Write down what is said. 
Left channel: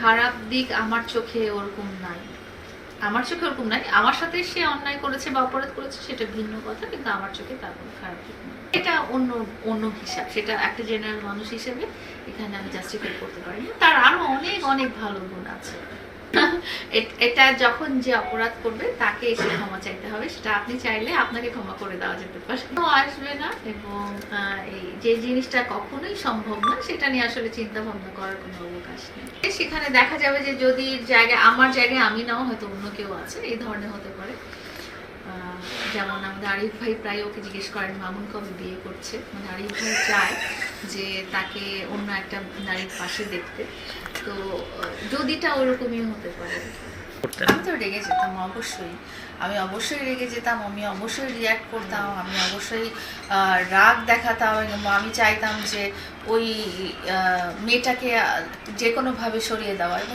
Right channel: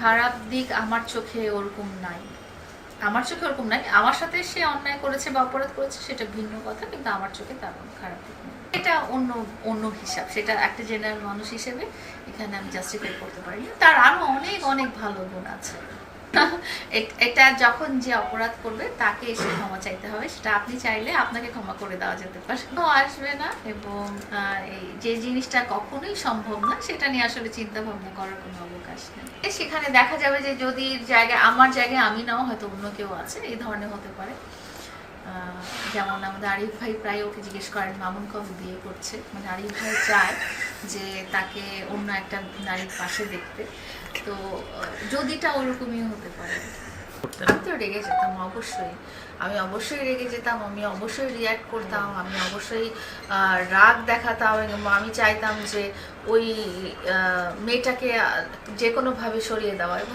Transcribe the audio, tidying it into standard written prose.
খারাপ দিক আমার চোখে ওরকম নাই। আমার চোখে ওরকম নাই। আমার সাথে সে অন্যায় করেছে বা অপরাধ করেছে সেটা ভিন্ন কথা, কিন্তু আমার চোখে তার কোনো খারাপ দিক নেই। এটা অন্য অন্য হিসাব, সেটা একটা জেনারেল মানুষ হিসেবে এখানে আমি জাস্টিফাই করতে পারি না। তার আরো অনেক অনেক ভালো গুণ আছে। এটা যখন যে অপরাধ করবে তাকে এসে ক্ষমা চাইতে হবে, সেটা আপনি চাইলে আপনাকে ক্ষমা করে দেওয়া যেতে পারে, আসবে না। এবং এই যে জিনিসটা কখনোই সম্ভব না সেটা নিয়ে আসলে চিন্তা ভাবনা করার কোনো অবকাশ নেই। সেখানে দেখা যাবে যে যদি জায়গায় আমার জায়গায় আমি নাও, হয়তো অন্য কেউ আছে, এই ধরনের হতে পারে। যেমন আমাদের আরিফ ভাই প্রায় ওকে জিজ্ঞেস করেন মামুন কবে বিয়ে করছে, মানে আরিফ ভাই চায় যে তাকে অন্য একটা নারীর পাশে দেখতে। তো যদিটা ওরকমই হতে পারে। আমি তো রেগে যেতাম অবশ্যই, আমি অবশ্যই রেগে যেতাম, আমি অবশ্যই রিয়াক্ট করতাম, আমি অবশ্যই রাগ দেখাতাম এবং আমি চাইতাম যে ওই মেয়েটাকে যে কোনোভাবে সরিয়ে দেওয়া।